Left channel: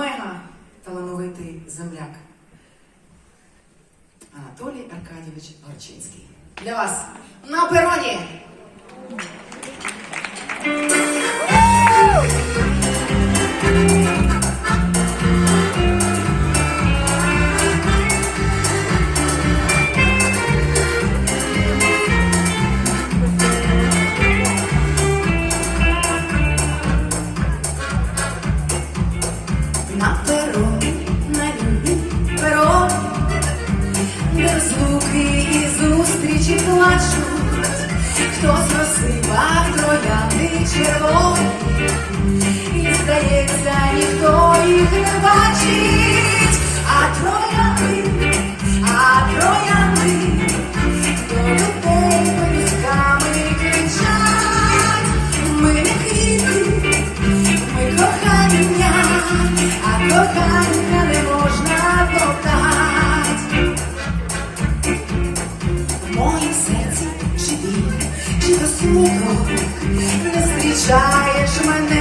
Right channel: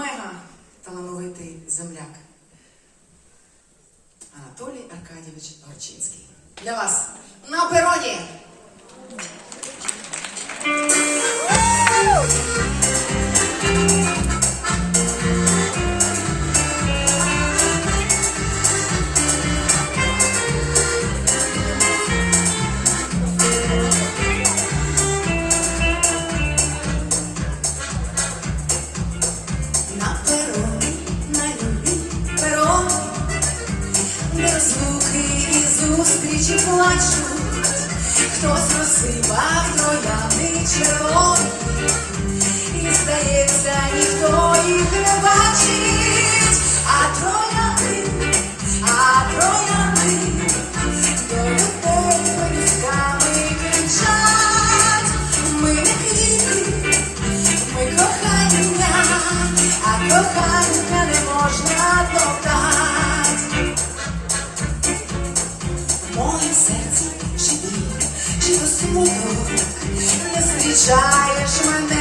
мега талановитий земляк Анатолій Аркадійович Горчинський. Для вас на пероні! звуки і зустрічі плачуть, хтось розсипав троянди червоні, і здається, ніхто їх не бачить, а троянди, а троянди. навчаєш мене.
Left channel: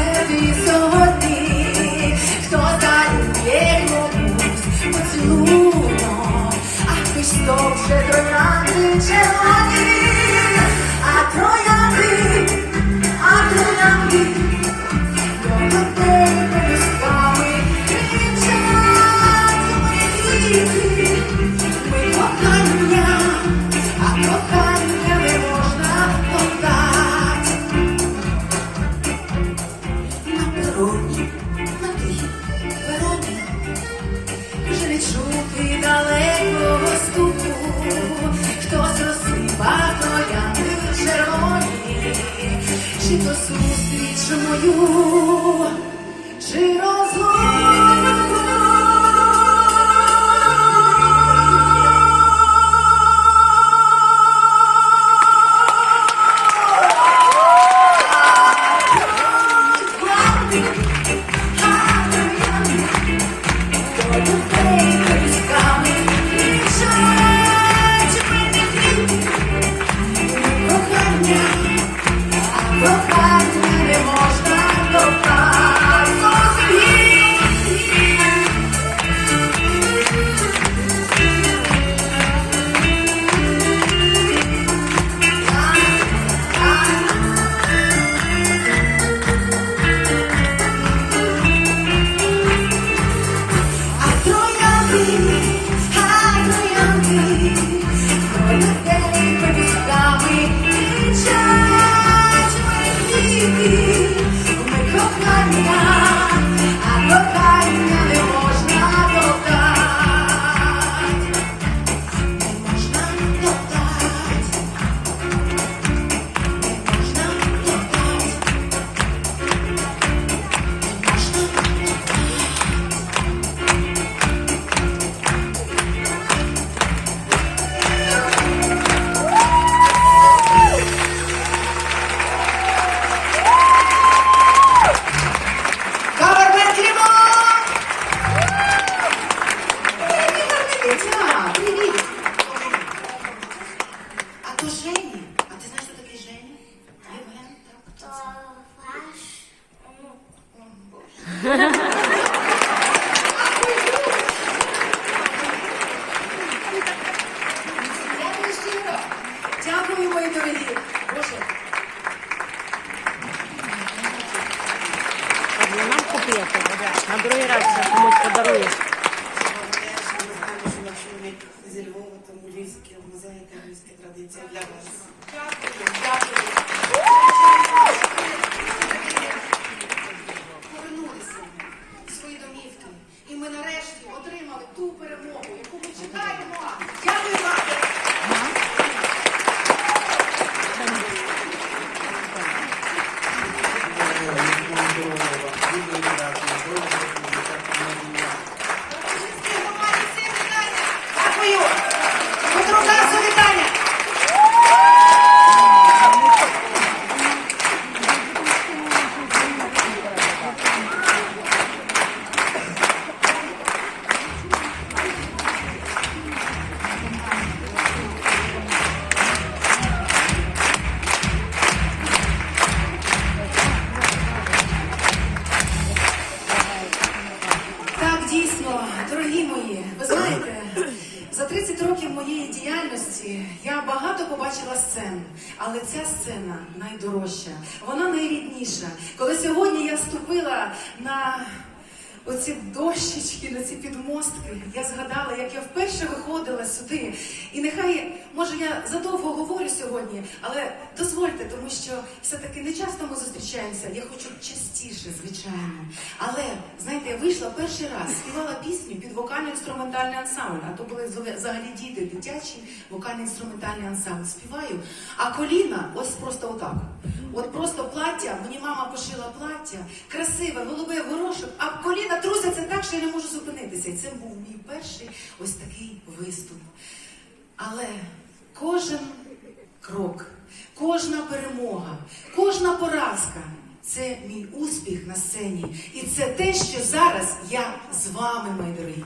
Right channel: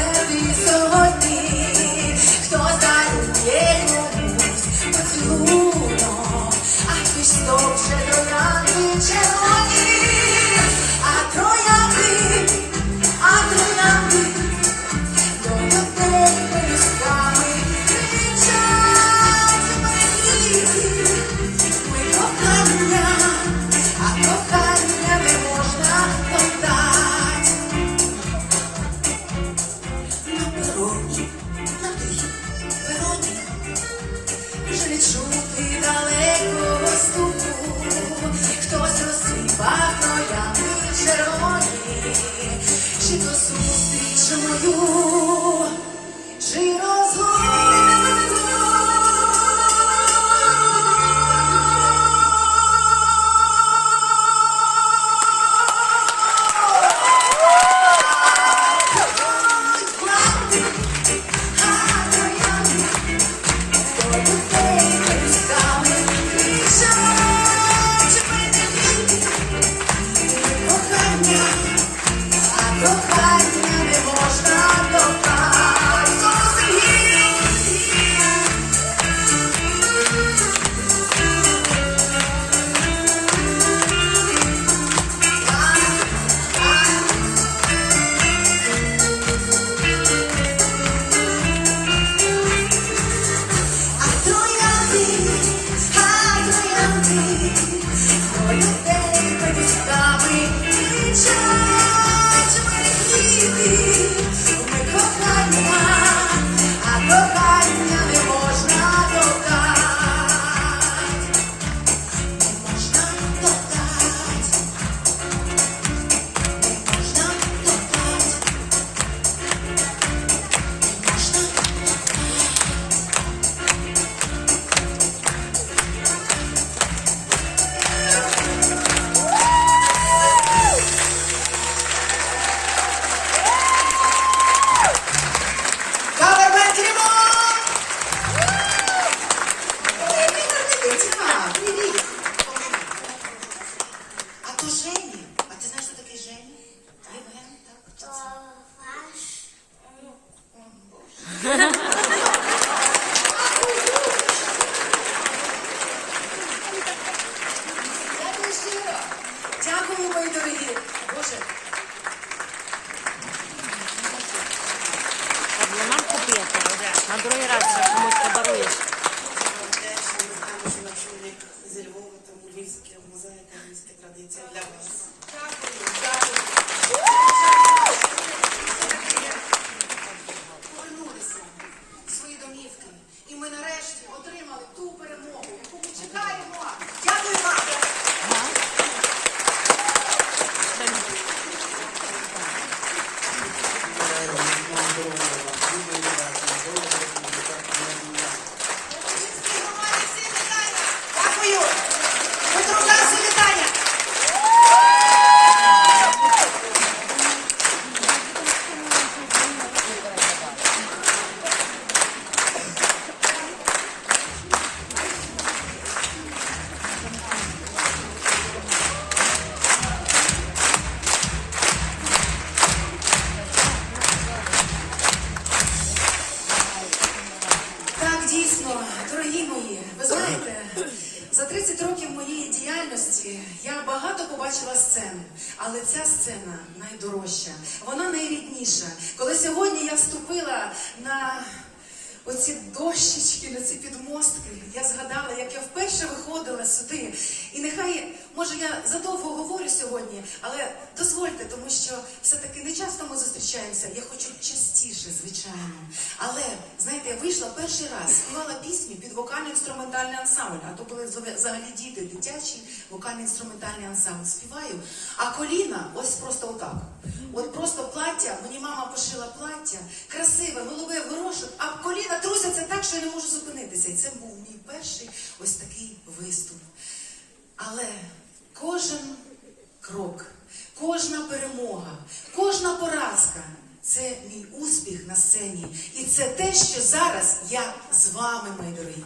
чути далекого стуку, хтось розсипав ролями червоні, чи то зустріч мою. Bye. 大あ、そ。Може, я задовго говорю сьогодні, але дозвольте, тому що все-таки не часто ми зустрічаємося. Я хочу частіше, звичайно. Але знаєте, я вийшла перший раз, співала пісню під вокально-інструментальний ансамбль. А то були взагалі- діти, дитячий вокально-інструментальний ансамбль. Співаю, а коліна ось просто отак. От просто плаття, мені мама пошила плаття, красиве, голубе горошок, а коліна трусяться так, що я не можу зупинитися. І це був мій перший ось такий виступ. Але кожен крок, кожна перемога, кожна поразка це мій успіх на сцені. І це те, що зараз я з вами, мої дорогі.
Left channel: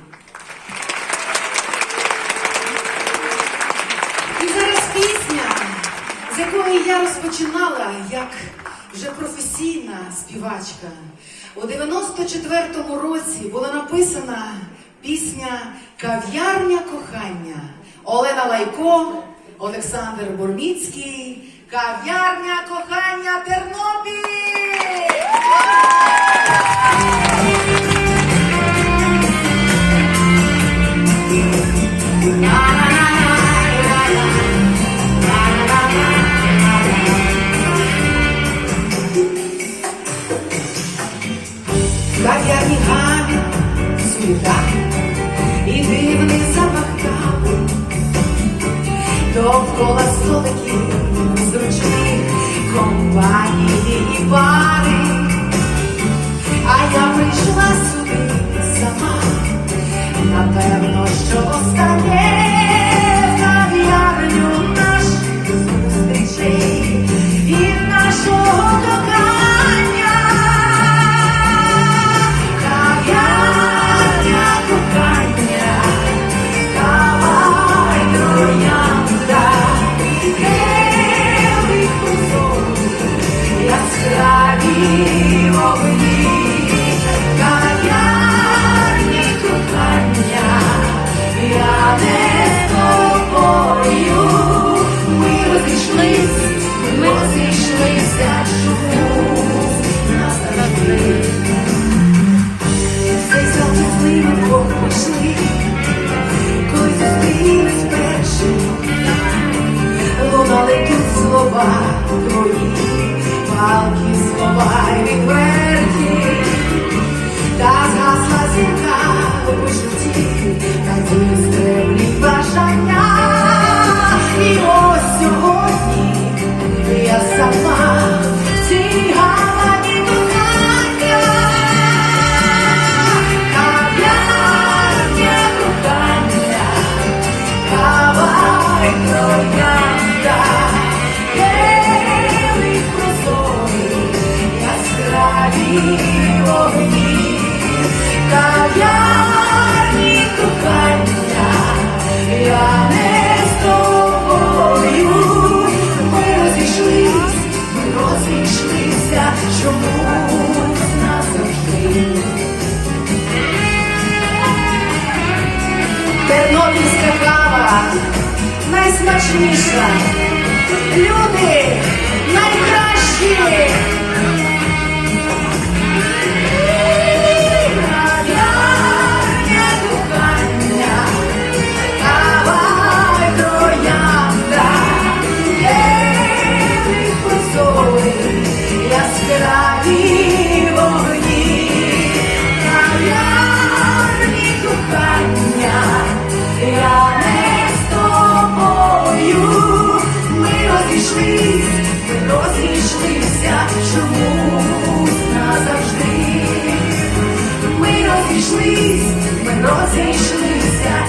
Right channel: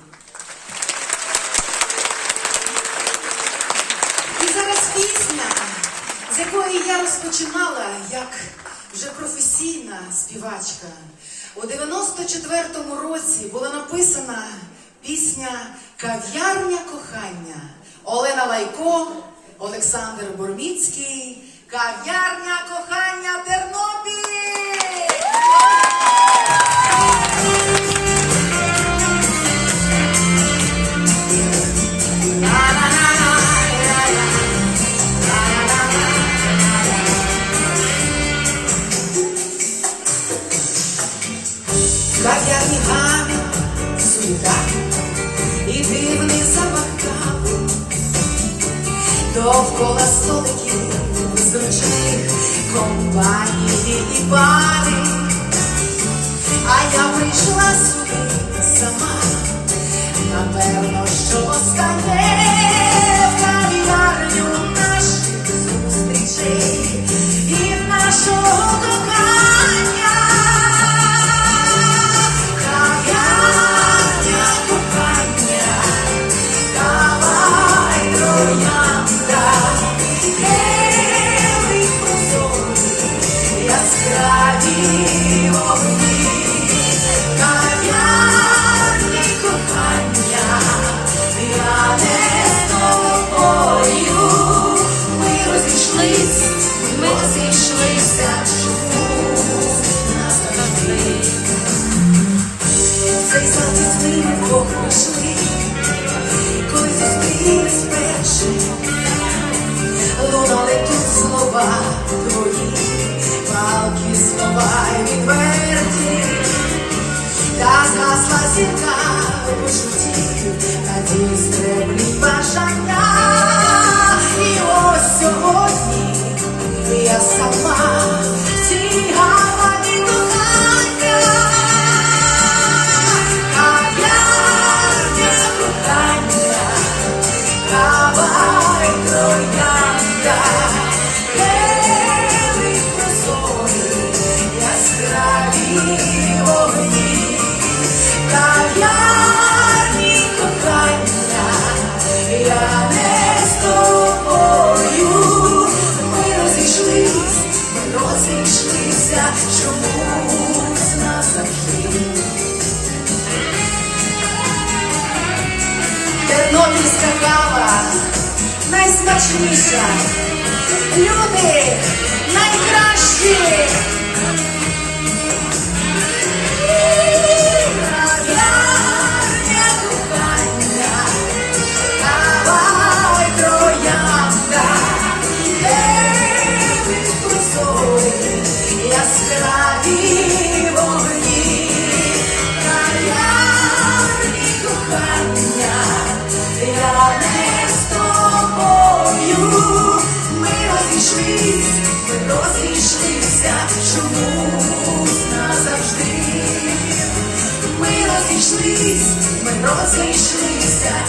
І зараз пісня, з якої я розпочинала як вже професійна співачка. У 94-му році була написана пісня Кав'ярня кохання Олена Лайко, Олександр Бурміцький. Кав'ярня кохання Тернопіль! Найсмачніша. Люди найкращі. розійшлись, ми розійшлися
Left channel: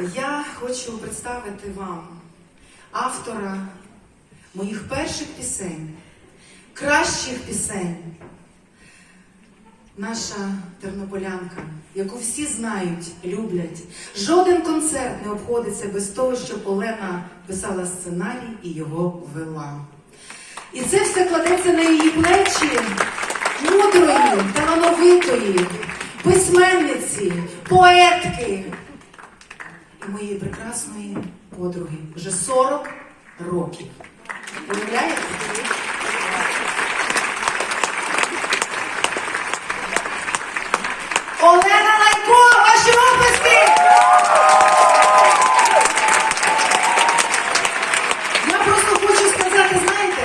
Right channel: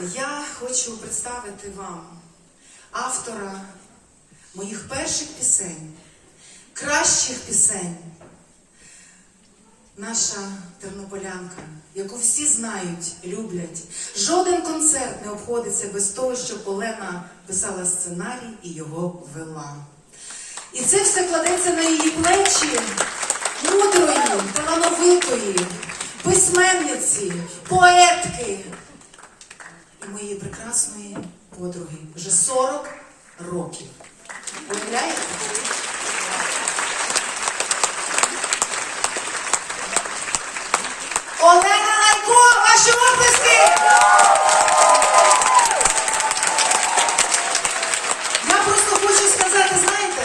Я хочу представити вам автора моїх перших пісень, кращих пісень. Наша тернополянка, яку всі знають, люблять. Жоден концерт не обходиться без того, щоб Олена писала сценарій і його вела. І це все кладеться на її плечі мудрої, талановитої, письменниці, поетки моєї прекрасної подруги. Вже 40 років. Уявляєте? Олена Лайко, ваші оплески! Я просто хочу сказати, знаєте,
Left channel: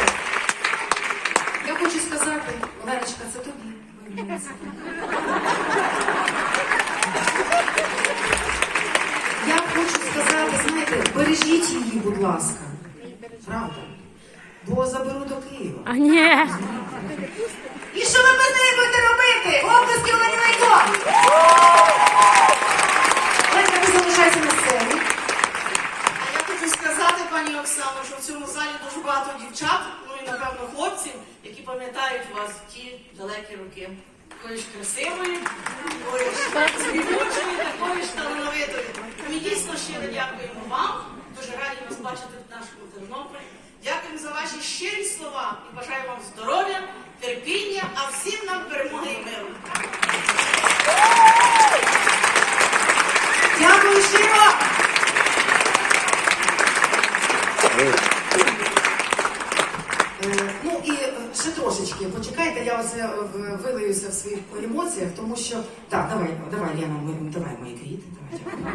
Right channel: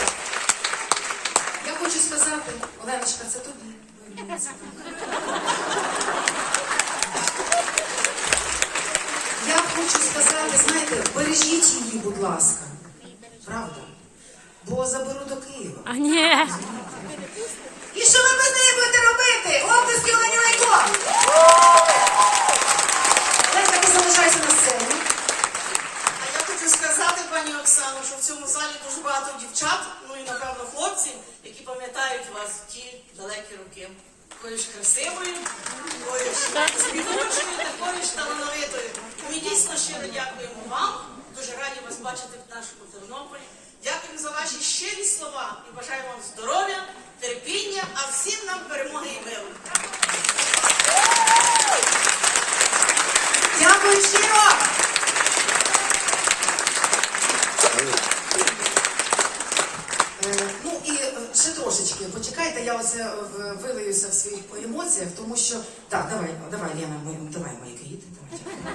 я хочу сказати, Оленочка, це тобі. виявляється. Я хочу сказати, знаєте, бережіть її, будь ласка. Правда? Бо заберу до Києва. А ні. І що ви без неї будете робити? Оплески Олені Лайко! Ленка, ти залишайся на сцені. А я хочу сказати, пані Оксано, що в цьому залі дуже багато дівчат, ну і напевно хлопці, які пам'ятають вас в ті далекі роки. Такою ж красивою, такою ж співучою, такою ж талановитою. Ми дійсно щиро дякуємо вам. Дуже раді вас бачити в нашому Тернополі. Дякуємо за ваші щирі слова і бажаємо вам здоров'я, терпіння, а всім нам перемоги і миру. Дякую щиро! Трошечки, почекайте, я оце е, вилиюся в своїх емоціях, тому що. Так, давай, давай, Лена, ми, давай мої квіти.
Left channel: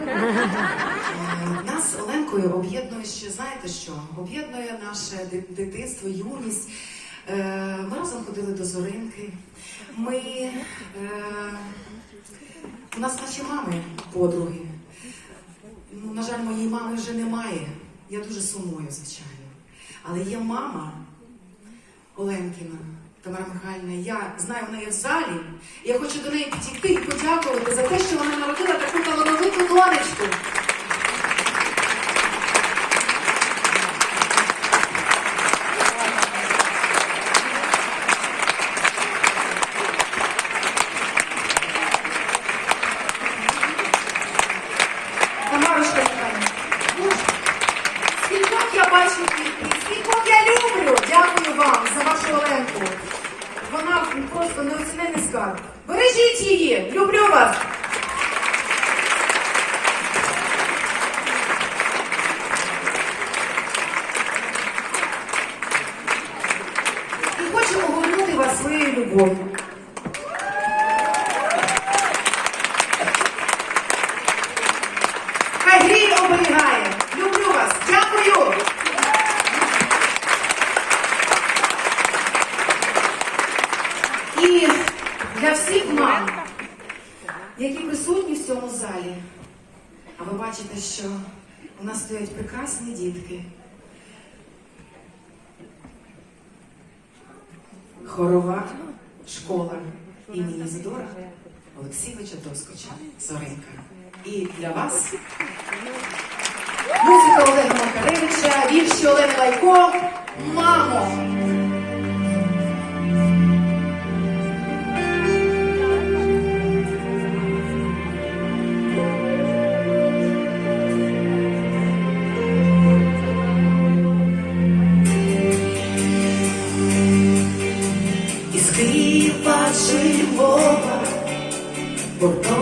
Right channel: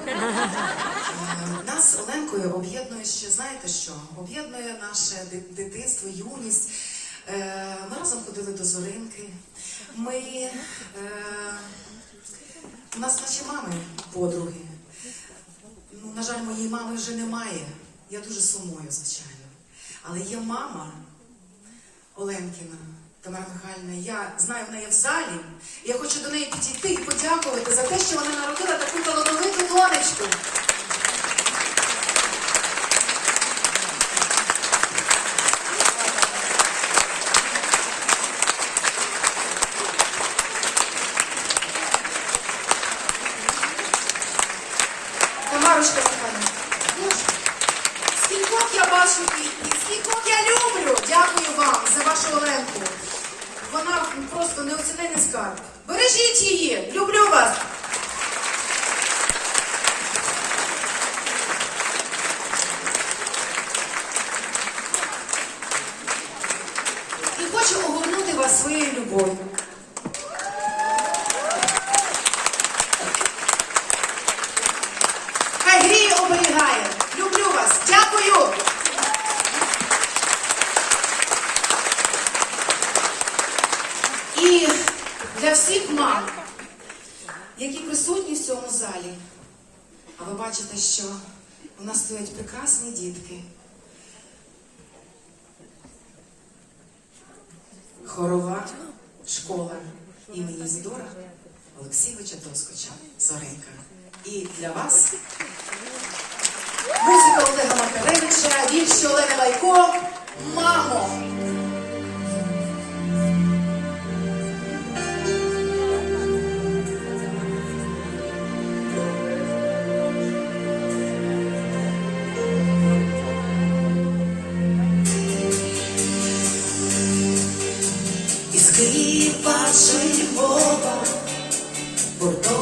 Е, Нас Оленкою об'єднує ще, знаєте що? Об'єднує наше дитинство, юність. Е, Ми разом ходили до Зоринки. Ми. У нас наші мами подруги. Ну, на жаль, моєї мами вже немає. Я дуже сумую, звичайно. Але є мама Оленкіна, Тамара Михайлівна. Я знаю в неї в залі. Я хочу до неї підійти і подякувати за те, що вона народила таку талановиту донечку. Тамарушка Михайлівна, ну, скількох я бачу квітів, скількох я люблю. Дякую вам за вашу Оленку. Вона просто неоцінений скарб. Бережіть її, люблю вас. І хочу огорнути вас своєю любов'ю. Хай гріє оберігає. Люблю вас. Дякую. І для всіх мам, які присутні в цьому залі, а ви бачите, що у нас стоять прекрасні дітки. Хорова школа імені Зідора Олексійовича Доскоча Зоринка. І для вас музика Олега Макаревича, вірші Олени Лайко, мамо. Бордо чи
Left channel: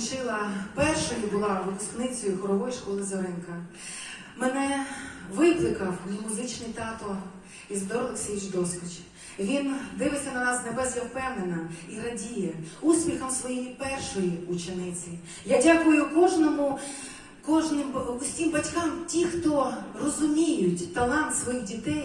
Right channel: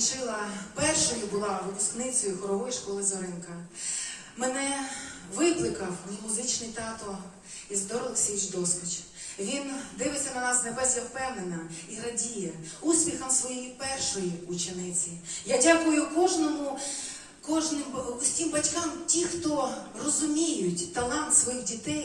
закінчила першою була випускницею хорової школи Зоринка. Мене викликав мій музичний тато Іздор Олексійович Доскоч. Він дивиться на нас з небес, я впевнена, і радіє успіхам своєї першої учениці. Я дякую кожному, кожним усім батькам, ті, хто розуміють талант своїх дітей.